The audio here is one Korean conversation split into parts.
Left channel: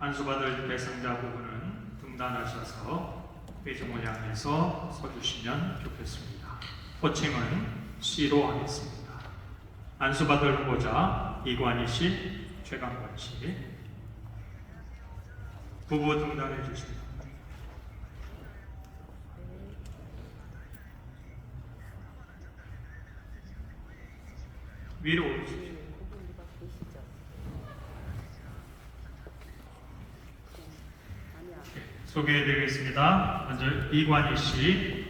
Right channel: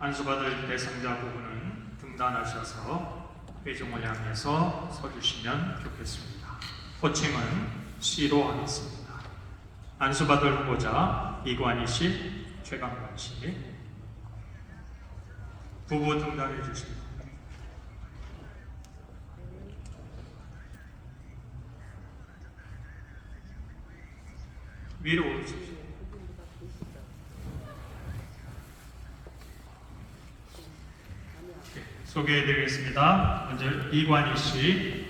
안수받을 대상자 부분은 등단하셔서 회중을 향해서 서주시면 좋겠습니다. 호칭은 C로 하겠습니다. 안수받을 후보자 이관희 씨, 최강관 씨 부부 등단해 주십니다. 위로 오르십시오. 네, 소개해드리겠습니다. 먼저 이관희 씨,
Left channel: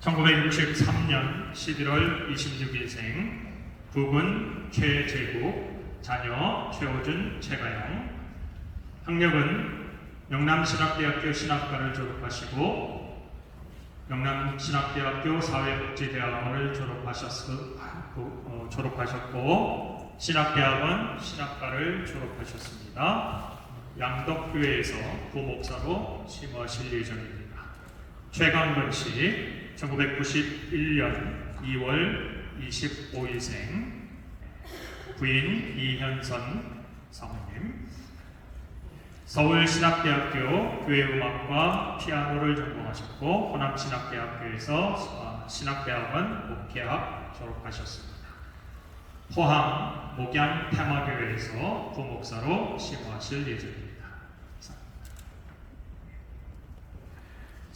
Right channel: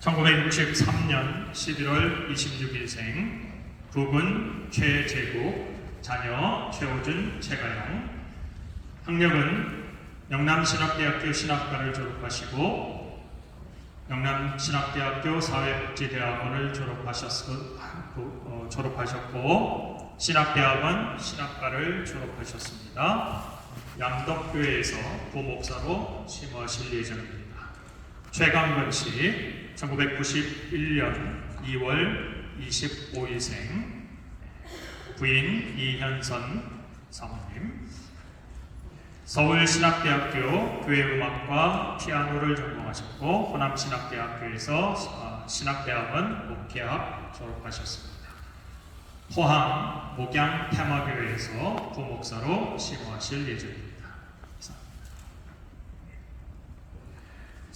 1963년 11월 26일생, 부분 최재국, 자녀 최호준, 최가영, 학력은 영남신학대학교 신학과를 졸업하시고 영남신학대학교 사회복지대학원을 졸업하셨고, 어, 졸업하셨고 신학대학원 신학과를 졸업하셨습니다. 양덕교회에서 부목사로 심화하실 예정입니다. 최강건 씨, 1991년 2월 25일생, 부인 이현선 사모님, 서울신학대학교 교회음악과 피아노를 전공하셨고 호남신학대학교에서 어, 신학대학원 목회학 졸업하셨습니다. 포항 목양 테마교회에서 부목사로 신호하실 예정입니다.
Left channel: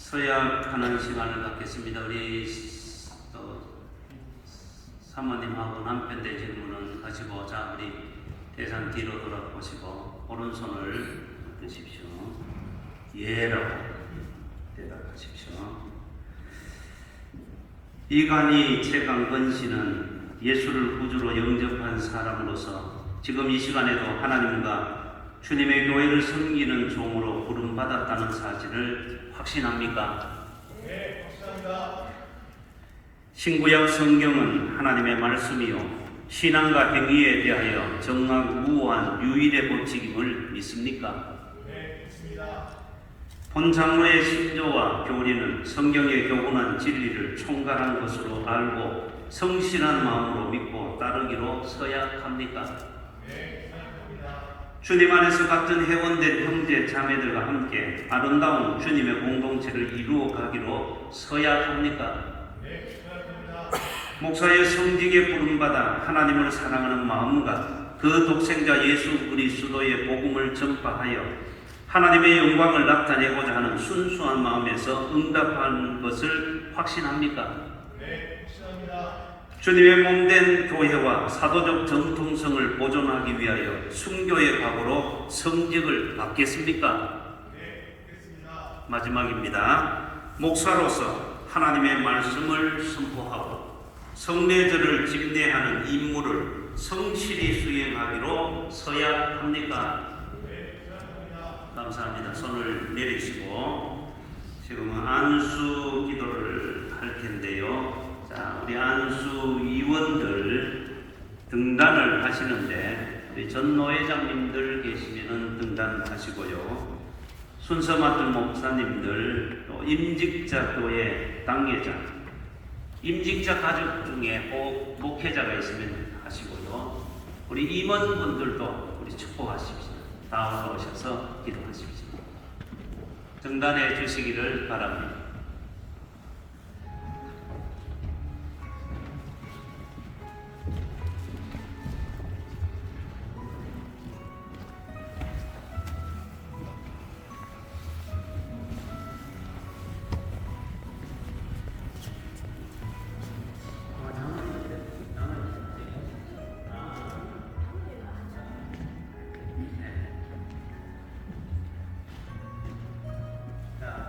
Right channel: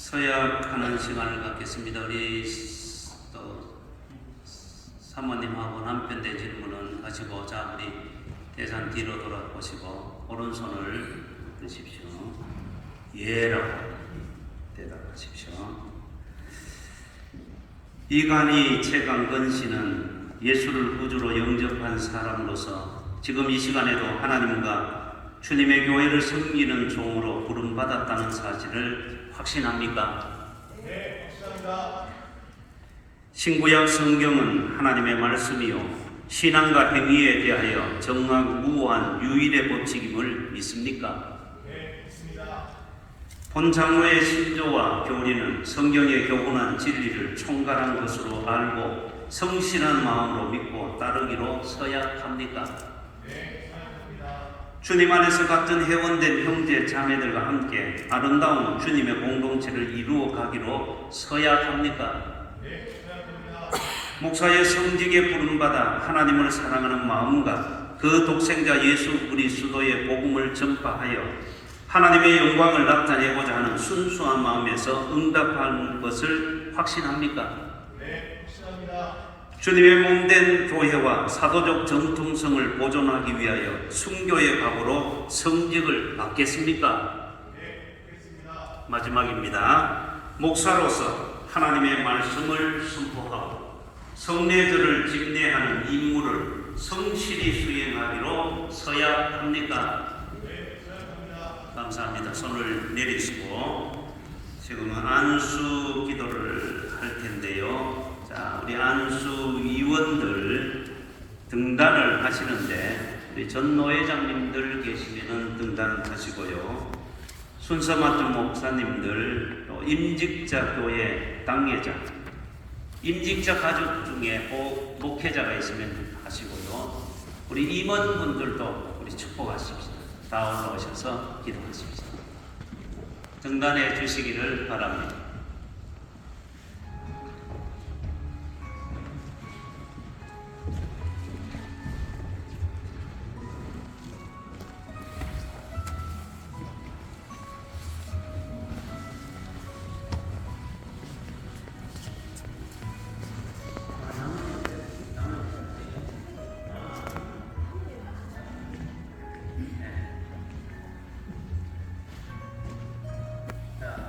서약하는 시간을 갖겠습니다. 우리 또 사모님하고 남편 되시는 분은 하시고 자 우리 대상 뒤로 돌아보시고 오른손을 드십시오. 예라고 대답하십시오. 이간이 최강 건 씨는 예수를 구주로 영접한 사람으로서 지금 이 시간에도 하나님과 주님의 교회를 섬기는 종으로 부름받았다는 사실을 확신합니까? 네, 확신합니다. 신구약 성경은 하나님의 말씀이요. 신앙과 행위에 대하여 정확무한 유일의 법칙임을 믿습니까? 네, 믿습니다. 본 장로의 신조와 교리는 성경에 교훈한 진리를 총괄한 것으로 알고 성실한 마음으로 믿고 따르기로 서약합니까? 주님 안에서 같은 회원된 형제 자매들과 함께 아름다운 주님의 공동체를 이루어 가기로 서약합니까? 목사의 성직에 부름받아 하나님을 사랑하는 마음과 그 독생자 예수 그리스도의 복음을 전파하여 하나님의 영광을 나타내고자 하는 순수한 마음에서 응답하는 것을 확신합니까? 주님의 몸된 교회와 사도적 정통성을 보존하기 위하여 순교의 각오로 성직을 받겠습니까? 마지막입니다. 목사로서 하나님의 말씀을 선포하고 성례절을 집례하는 임무를 성실히 수행하기로 서약합니까? 감사합니다. 손을 내리시고 지금 안수. 자, 우리 안수 위원들 등단을 하시는데 우리 전 노 회장님들 계시면은 등단하시고요. 순서 맡은 목사님들, 또 임직자 교회 당회자, 임직자 가족 중에 꼭 목회자가 있으면 하시고요. 우리 임원분들도 우리 축복하십시오. 다 올라오셔서 기도하십시오. 등단해 주시기를 바랍니다.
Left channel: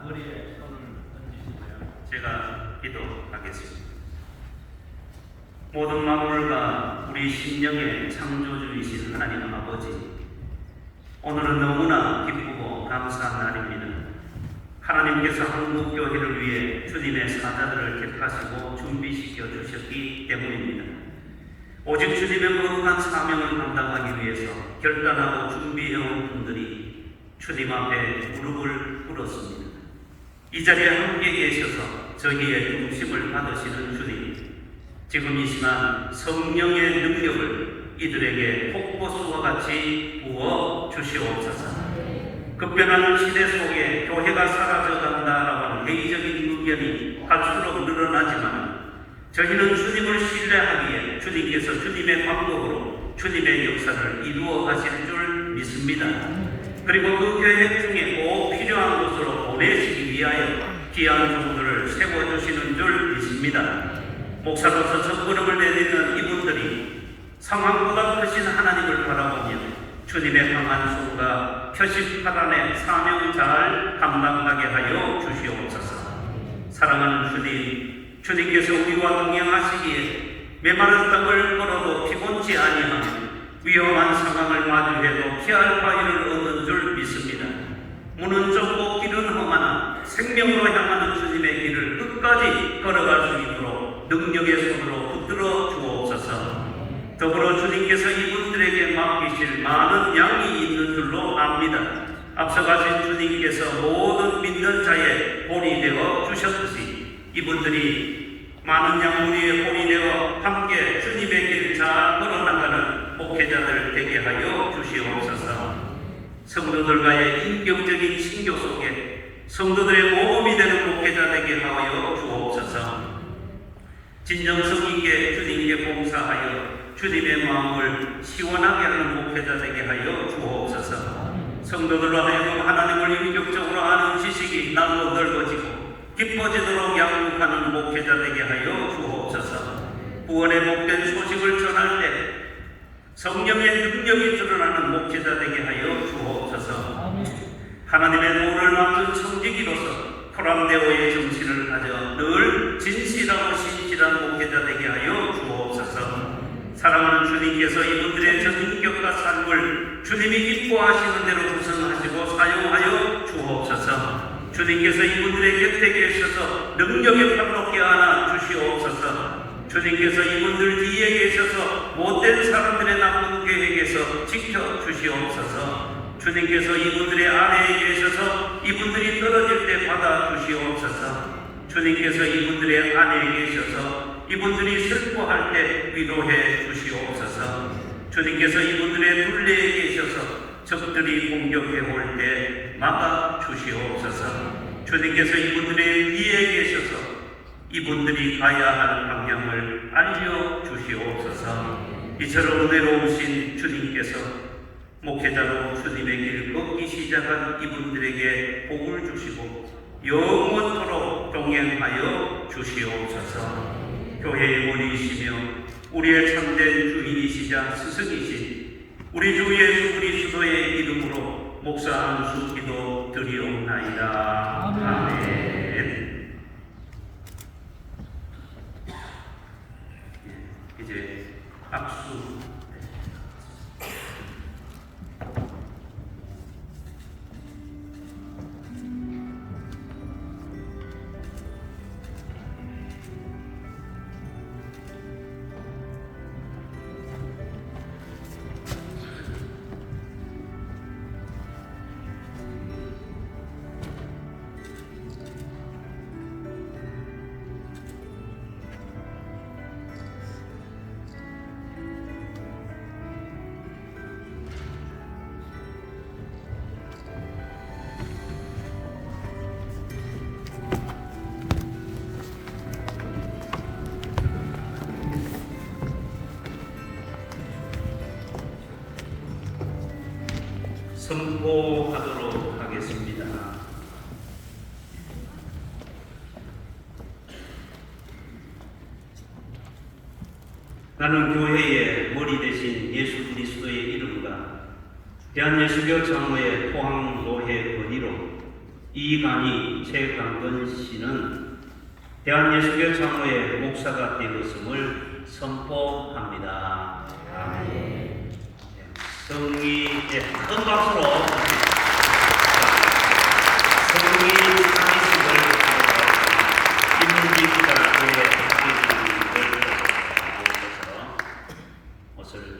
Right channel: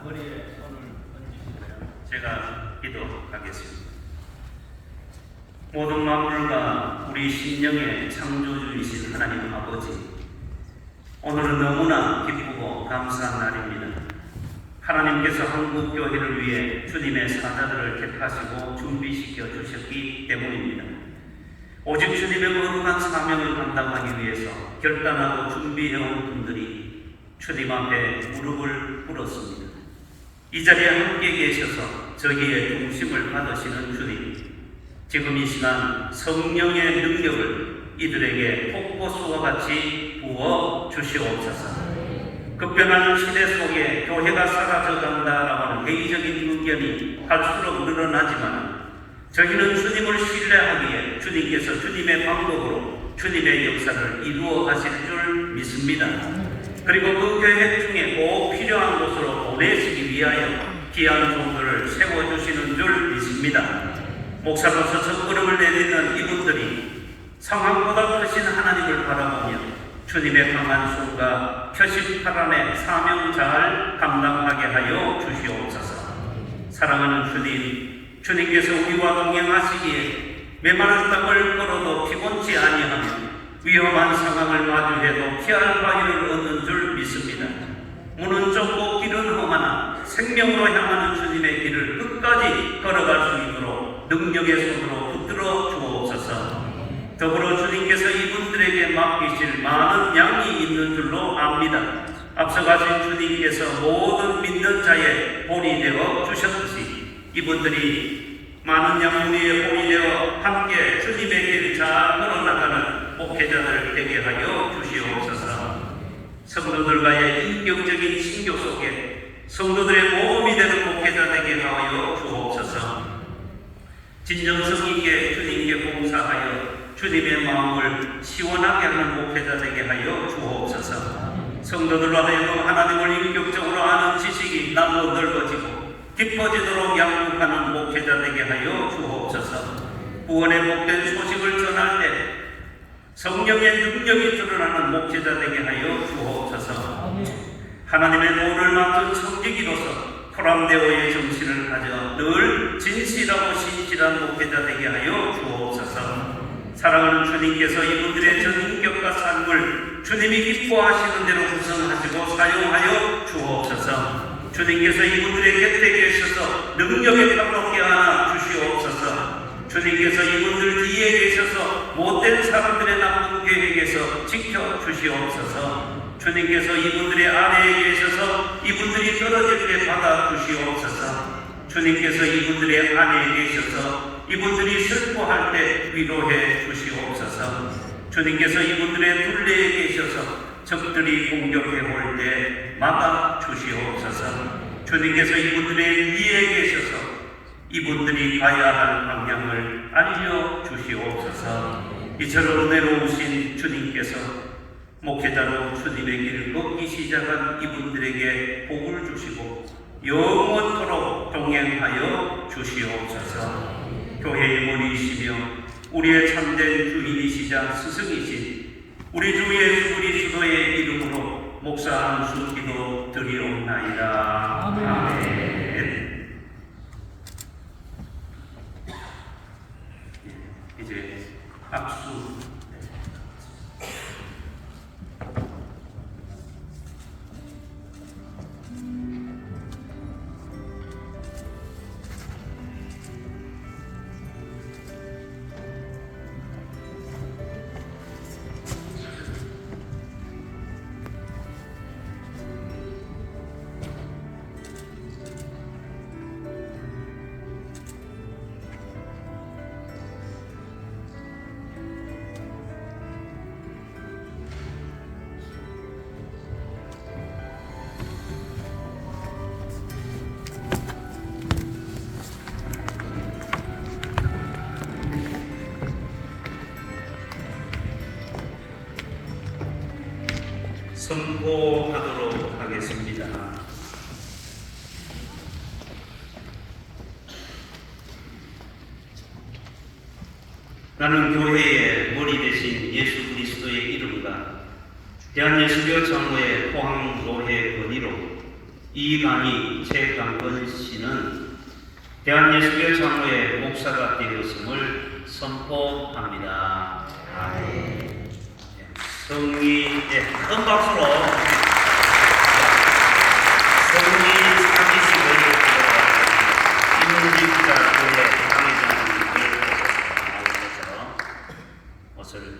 머리에 손을 얹으시고요. 제가 기도하겠습니다. 모든 만물과 우리 심령의 창조주이신 하나님 아버지, 오늘은 너무나 기쁘고 감사한 날입니다. 하나님께서 한국 교회를 위해 주님의 사자들을 택하시고 준비시켜 주셨기 때문입니다. 오직 주님의 거룩한 사명을 감당하기 위해서 결단하고 준비해온 분들이 주님 앞에 무릎을 꿇었습니다. 이 자리에 함께 계셔서 저희의 중심을 받으시는 주님, 지금 이 시간 성령의 능력을 이들에게 폭포수와 같이 부어 주시옵소서. 급변하는 시대 속에 교회가 사라져간다라고 하는 회의적인 의견이 갈수록 늘어나지만 저희는 주님을 신뢰하기에 주님께서 주님의 방법으로 주님의 역사를 이루어 가실 줄 믿습니다. 그리고 그 계획 중에 꼭 필요한 곳으로 보내시기 위하여 귀한 종들을 세워주시는 줄 믿습니다. 목사로서 첫걸음을 내딛는 이분들이 상황보다 크신 하나님을 바라보며 주님의 강한 손과 표시파란의 사명 잘 감당하게 하여 주시옵소서. 사랑하는 주님, 주님께서 우리와 동행하시기에 메마른 땅을 걸어도 피곤치 아니하며 위험한 상황을 마주해도 피할 바위를 얻는 줄 믿습니다. 문은 좁고 길은 험하나 생명으로 향하는 주님의 길을 끝까지 걸어갈 수 있도록 능력의 손으로 붙들어 주옵소서. 더불어 주님께서 이분들에게 맡기실 많은 양이 있는 줄로 압니다. 앞서 가신 주님께서 모든 믿는 자의 본이 되어 주셨듯이 이분들이 많은 양무리의 본이 되어 함께 주님의 길잘 걸어나가는 목회자들 되게 하여 주시옵소서. 성도들과의 인격적인 신교 속에 성도들의 모범이 되는 목회자 되게 하여 주옵소서. 진정성 있게 주님께 봉사하여 주님의 마음을 시원하게 하는 목회자 되게 하여 주옵소서. 성도들과 하여금 하나님을 인격적으로 아는 지식이 날로 넓어지고 깊어지도록 양육하는 목회자 되게 하여 주옵소서. 구원의 복된 소식을 전할 때 성령의 능력이 드러나는 목회자 되게 하여. 하나님의 도를 맡은 성직이로서 포람되어 의 정신을 가져 늘 진실하고 신실한 목회자 되게 하여 주옵소서. 사랑하는 주님께서 이분들의 전인격과 삶을 주님이 기뻐하시는 대로 구성하시고 사용하여 주옵소서. 주님께서 이분들의 곁에 계셔서 능력에 감롭게 하나 주시옵소서. 주님께서 이분들 뒤에 계셔서 못된 사람들의 나쁜 계획에서 지켜 주시옵소서. 주님께서 이분들의 아내에 계셔서 이분들이 떨어질 때 받아 주시옵소서. 주님께서 이분들의 아내에 계셔서 이분들이 슬퍼할 때 위로해 주시옵소서. 주님께서 이분들의 둘레에 계셔서 적들이 공격해 올 때 막아 주시옵소서. 주님께서 이분들의 위에 계셔서 이분들이 가야 할 방향을 알려 주시옵소서. 이처럼 은혜로우신 주님께서 목회자로 주님의 길 걷기 시작한 이분들에게 복을 주시고 영원토록 동행하여 주시옵소서. 교회의 문이시며 우리의 참된 주인이시자 스승이신 우리 주 예수 그리스도의 이름으로 목사 한수 기도 드리옵나이다. 아멘. 아멘. 선포하도록 하겠습니다. 나는 교회의 머리 대신 예수 그리스도의 이름과 대한예수교 장로의 포항 노회 건의로 이강희 최강건 씨는 대한예수교 장로의 목사가 되었음을 선포합니다. 아멘. 성리 예, 큰 박수로? 성리 상의식을 김은기 장로의 상의식을 나오셔서 옷을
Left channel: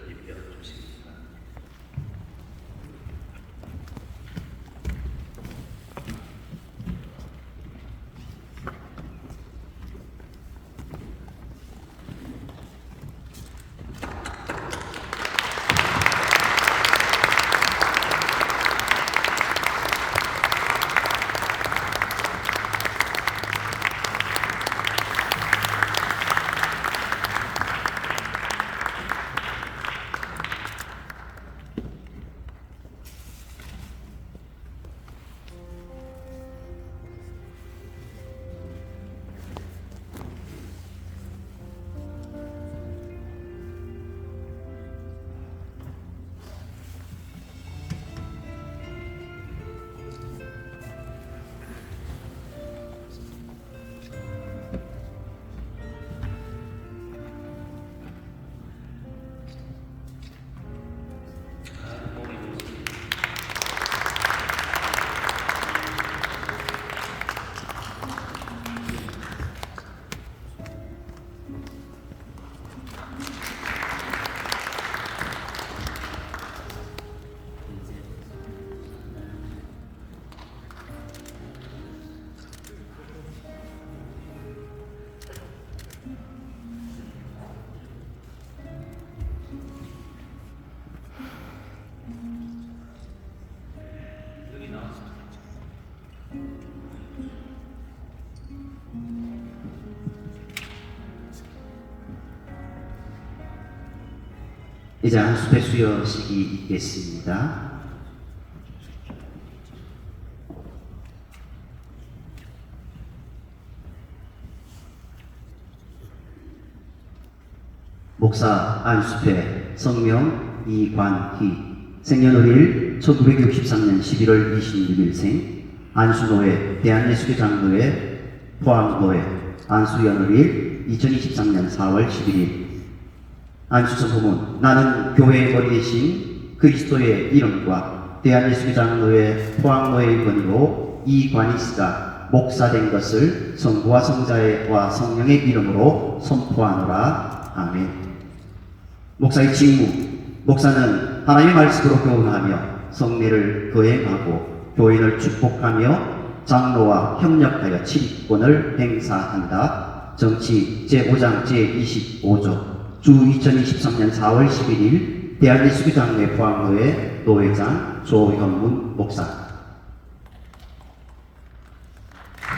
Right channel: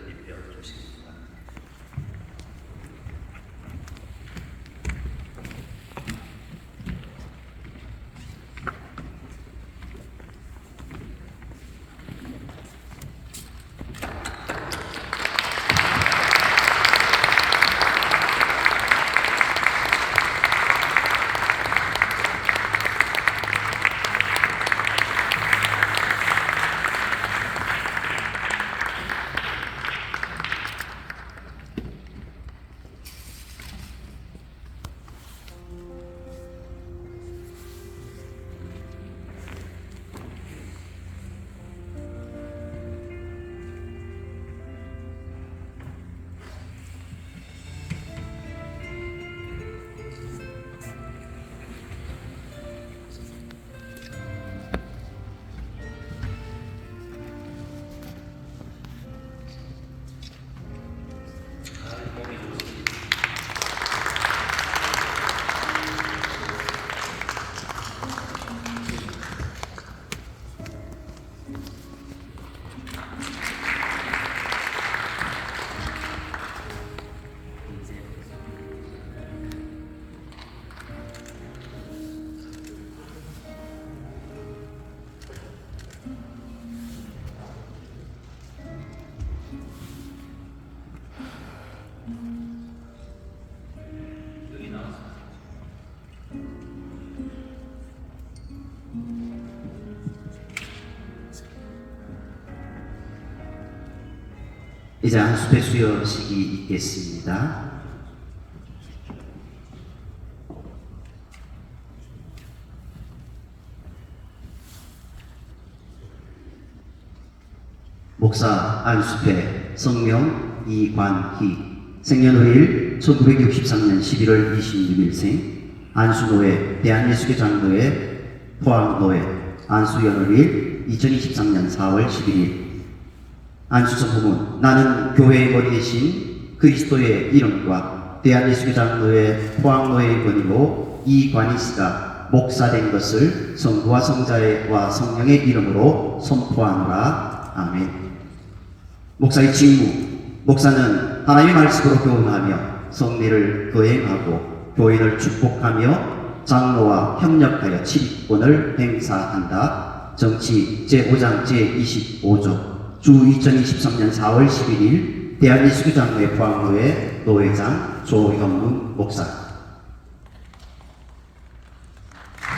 이제 안수배 수여식이 있겠습니다. 목사 안수배 성명 이관희 생년월일 1963년 11월 26일생 안수노회 대한예수교 장로회 포항노회 안수연월일 2023년 4월 11일 안수성부문 나는 교회에 거리 계신 그리스도의 이름과 대한예수교 장로회 포항노회의 권위로 이관희 씨가 목사된 것을 성부와 성자와 성령의 이름으로 선포하노라. 아멘. 목사의 직무 목사는 하나님의 말씀으로 교훈하며 성례를 거행하고 교인을 축복하며 장로와 협력하여 치리권을 행사한다. 정치 제5장 제25조 주 2023년 4월 11일 대한예수교 장로회 포항로회 노회장 조현문 목사.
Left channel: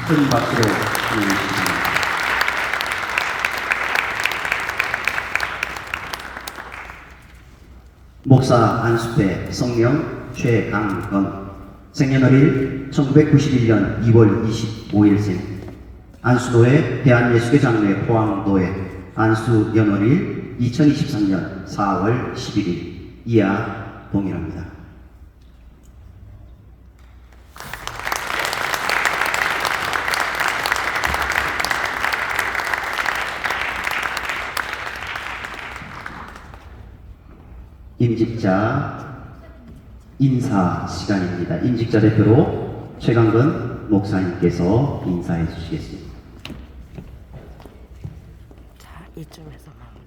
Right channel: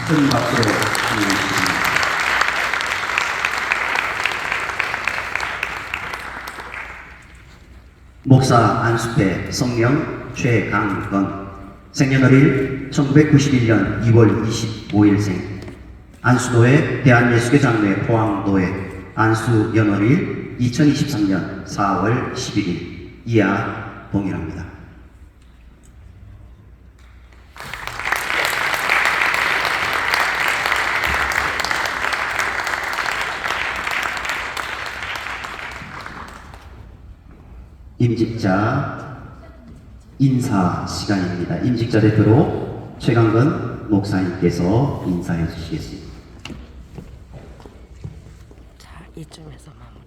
큰 박수로 주시기 목사 안수배 성명 최강건. 생년월일 1991년 2월 25일생. 안수도회 대한예수교 장례 포항도회 안수 연월일 2023년 4월 11일 이하 동일합니다. 임직자 인사 시간입니다. 임직자 대표로 최강근 목사님께서 인사해 주시겠습니다. 자, 이쯤에서만